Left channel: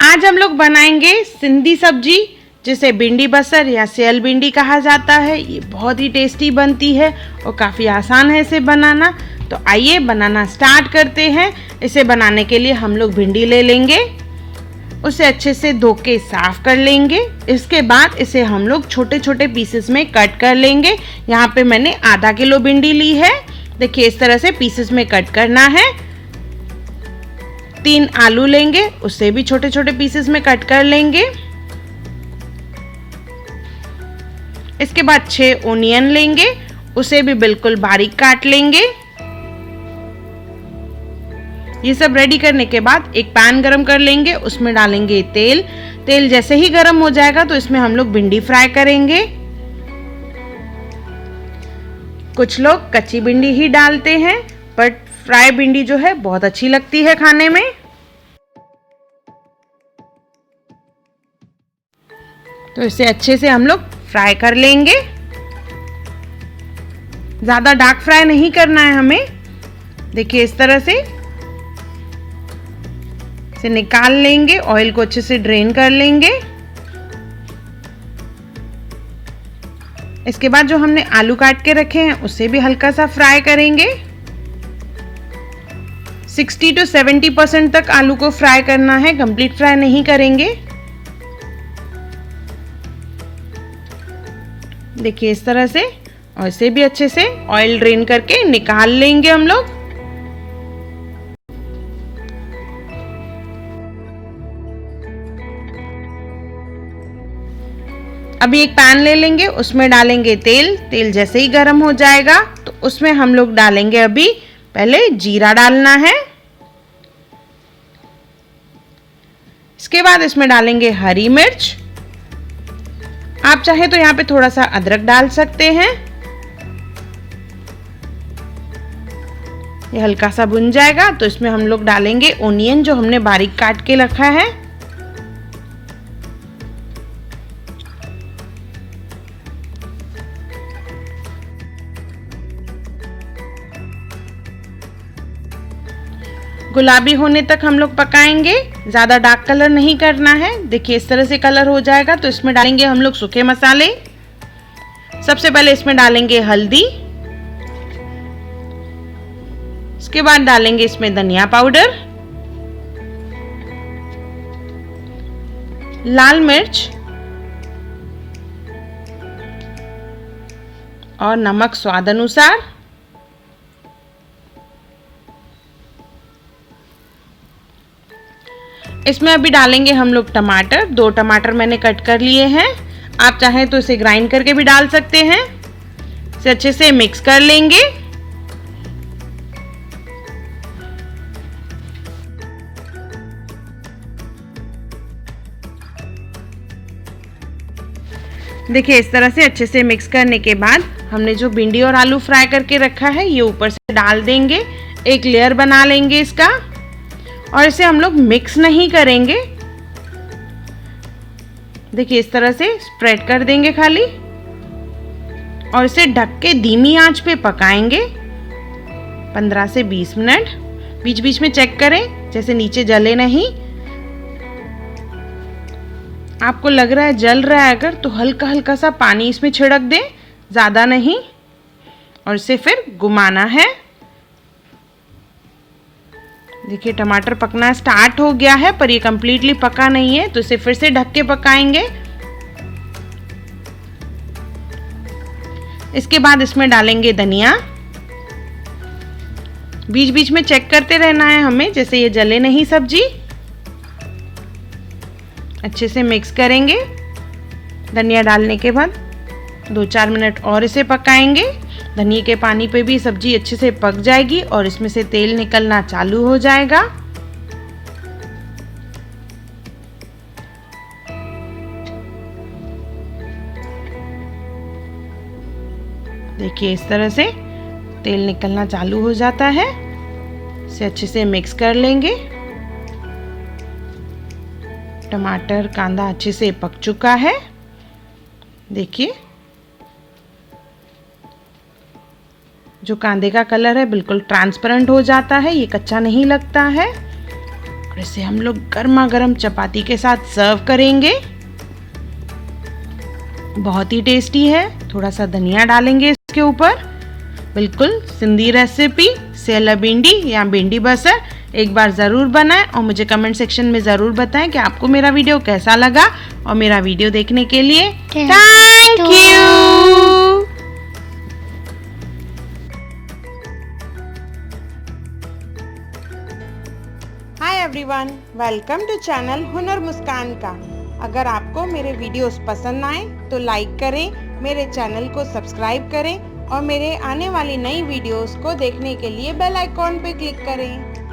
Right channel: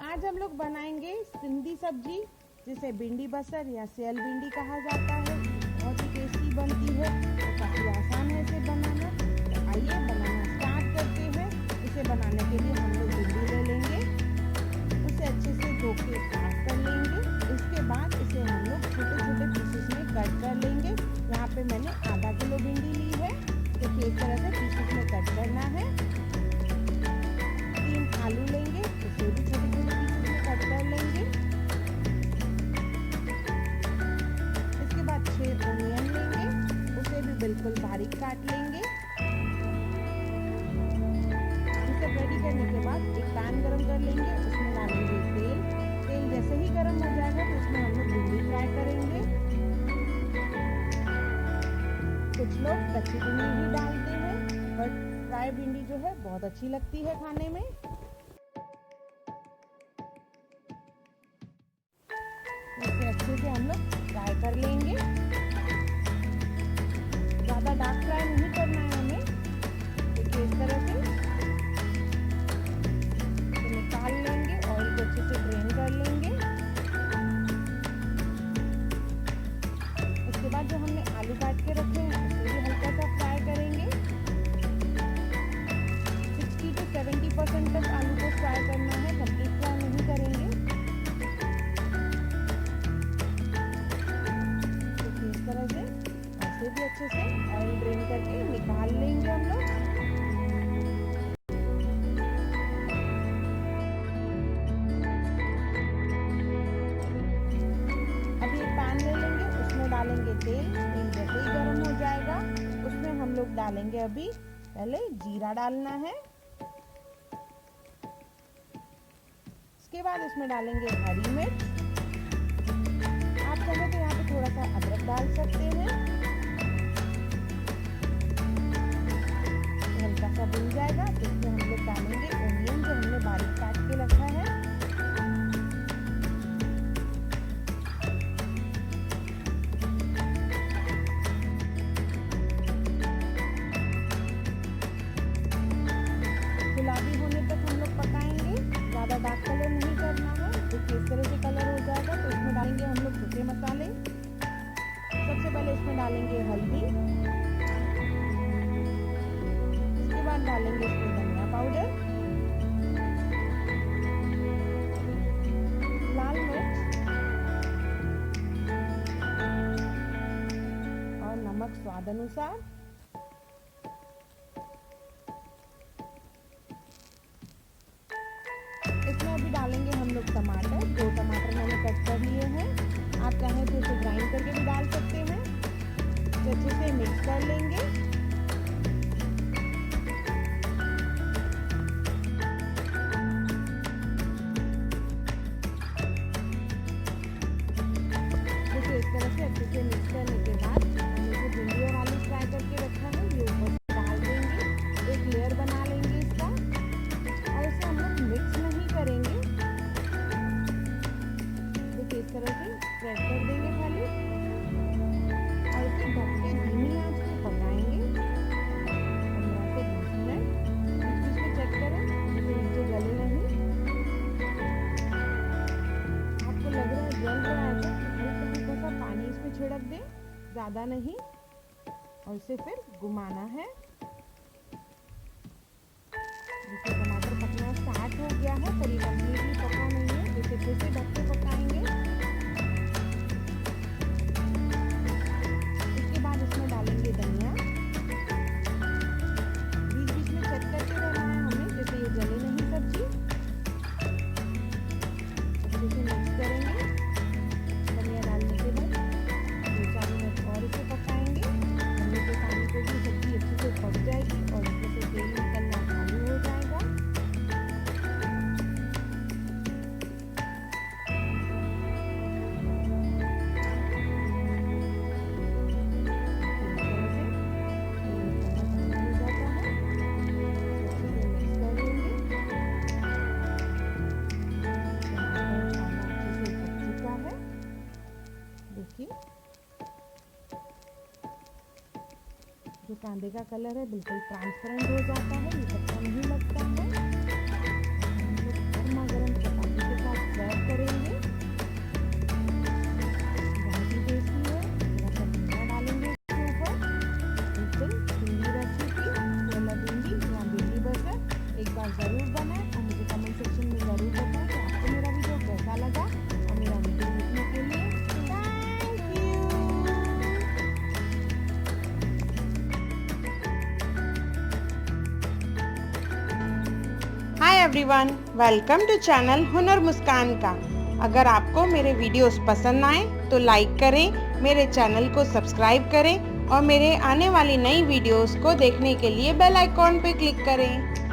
आज हम लोग बनाएंगे सिंधी सब्जी, जिसे भिंडी बसर या सेयल भिंडी कहा जाता है। ये बहुत ही टेस्टी बनती है और काफ़ी आसान है इसे बनाना। तो आइए बनाना स्टार्ट करते हैं। इसे बनाने के लिए हम लोग भिंडी ले लेंगे, उसे अच्छे से धो के साफ कर लेंगे। इसके बाद इसे हम लोग छोटे छोटे पीसेस में कट कर लेंगे। यहाँ पे मैंने आधा किलो भिंडी ली है। देखिए इस तरह से पीसेस में कट करना है। 3 आलू लेंगे, उसे भी छोटे छोटे पीसेस में कट कर लेंगे। इसके बाद 6 ओनियन लेंगे, उसे भी बिल्कुल बारीक काट लेंगे। ये सब रेडी करने के बाद एक पैन गरम कर लेंगे, उसमें डालेंगे तेल। तेल जैसे ही गरम हो जाएगा तो इसमें हम लोग भिंडी फ्राई करेंगे। कुछ लोग कच्ची भिंडी ही डालते हैं, बट फ्राई भिंडी जो है बहुत अच्छी लगती है खाने में। तो इसे अच्छे से हम लोग फ्राई कर लेंगे। ज्यादा डार्क फ्राई नहीं करना है हमें। देखिए इस तरह से इसे निकाल लेंगे, ऑयल को अच्छे से ड्रेन कर लेंगे। इसके बाद जो हमने आलू काट के रखे हैं उसे भी हल्का सा फ्राई करेंगे। 60 to 70% तक आलू को फ्राई करना है, कंप्लीट फ्राई नहीं करेंगे। देखिए इस तरह से, और इसे भी अच्छे से ऑयल ड्रेन करके निकाल लेंगे हम लोग। अभी एक पैन ले लेंगे, उसमें डालेंगे तेल। तेल जैसे ही गर्म हो जाएगा तो उसमें हम लोग डालेंगे, अभी पहले जीरा डालना है। इसके बाद इसमें डालेंगे हरी मिर्च। आप चाहे तो यहाँ पे थोड़ा सा अदरक डाल सकते हैं। ये हल्का सा भुन जाएगा तो इसमें हम लोग डालेंगे ओनियन, जो हमने बारीक काट के रखा है। गुलाबी होने तक हम लोग पकाएंगे, ज्यादा डार्क कलर नहीं करना है। देखिए इस तरह से कलर हो जाएगा तो इसमें डालेंगे हम लोग सूखे मसाले। सबसे पहले इसमें डालेंगे हल्दी। इसके बाद डालेंगे इसमें धनिया पाउडर, लाल मिर्च और नमक स्वाद अनुसार। इसमें अभी डालेंगे हम लोग टमाटर। 2 टमाटर मैंने कट कर लिए हैं। आप चाहें तो इसे ग्राइंड करके भी डाल सकते हैं। इसे अच्छे से मिक्स कर लेंगे। देखिए इस तरह से अच्छे से मिक्स करने के बाद हमने जो भिंडी और आलू फ्राई करके रखा है ये ऊपर से डाल देंगे। एक लेयर बना लेंगे इसका, और इसे हम लोग मिक्स नहीं करेंगे। देखिए इस तरह से स्प्रेड कर देंगे खाली, और इसे ढक के धीमी आंच पे पकाएंगे 15 से 20 मिनट। बीच बीच में चेक करें जैसे नीचे जले नहीं। आपको लग रहा है जल रहा है अगर, तो हल्का हल्का सा पानी इसमें छिड़क दें, ज़्यादा नहीं, और इसे फिर घुमाना है। देखिए टमाटर पकना स्टार्ट हो गया है, पर ये कंप्लीटली पका नहीं है, तो इसे फिर से ढक के पकाएंगे। इसके बाद इसमें डालेंगे धनिया। बीच बीच में चेक करते रहना है हमें, जैसे ये जले नहीं सब्जी। अच्छे से मिक्स करेंगे। धनिया डालने के बाद 2-4 मिनट और इसे पकाएंगे। धनिया के पानी पे भी सब्जी अच्छे से पक जाएगी और इसमें से तेल निकलना चालू हो जाएगा। देखिए इस तरह से तेल निकलना चालू हो जाता है। इसे अच्छे से मिक्स कर लेंगे। टमाटर कांदा अच्छे से पक चुका है। देखिए जो कांदे का कलर है बिल्कुल ट्रांसपेरेंट हो जाता है, ये कच्चा नहीं लगता है। इसे हम लोग गर्मा गर्म चपाती के साथ सर्व करेंगे। बहुत ही टेस्टी है। थोड़ा सा धनिया डालेंगे इसके ऊपर। बिल्कुल सिंधी रेसिपी सेयल भिंडी या भिंडी बसर एक बार ज़रूर बनाएं और मुझे कमेंट सेक्शन में ज़रूर बताएं कि आपको मेरा वीडियो कैसा लगा। और मेरा वीडियो देखने के लिए thank you. Hi everyone, welcome to channel Hunar Muskaan का। अगर आपको मेरे वीडियोस पसंद आए तो लाइक करें, मेरे चैनल को सब्सक्राइब करें और मेरे आने वाली नई वीडियोस को देखने के लिए बेल आइकॉन पे क्लिक करें।